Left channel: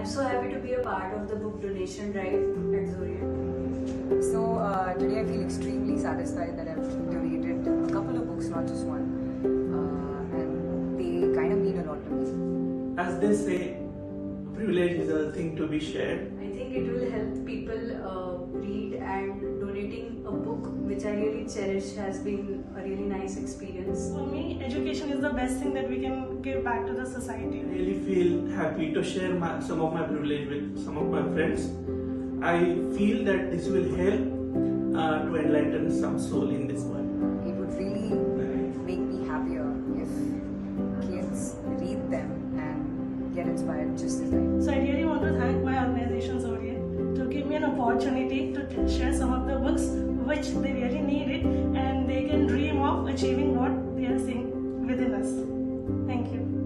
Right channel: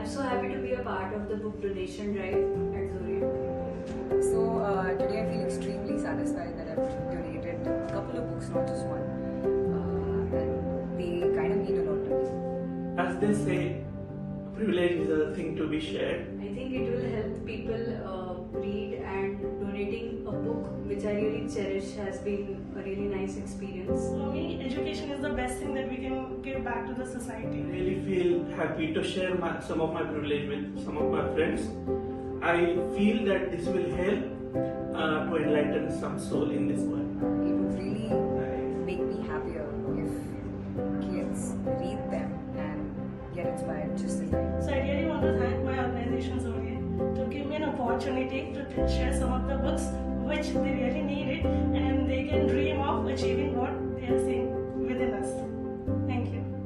I'm so happy to be a part of the book donation drive at Zorian. So today I feel extremely satisfied that I've donated a couple of books, not just one, and they kind of mean a lot to me. As they say, privilege is a thing to be shared. I think it will help people read, and donating a book which I really cherish has been a really nice experience. For me, education is the best thing that we can give back to the society. I really feel happy to share some of my privilege with some of my friends. I feel that this will help to enlighten some soul in this world. It would really make me happier if kids read them and get inspired just as I do. So I really want to thank my organization Zorian to give me an opportunity to share some of the books which they really needed, and they can dream of achieving what they are seeing within us. Thank you.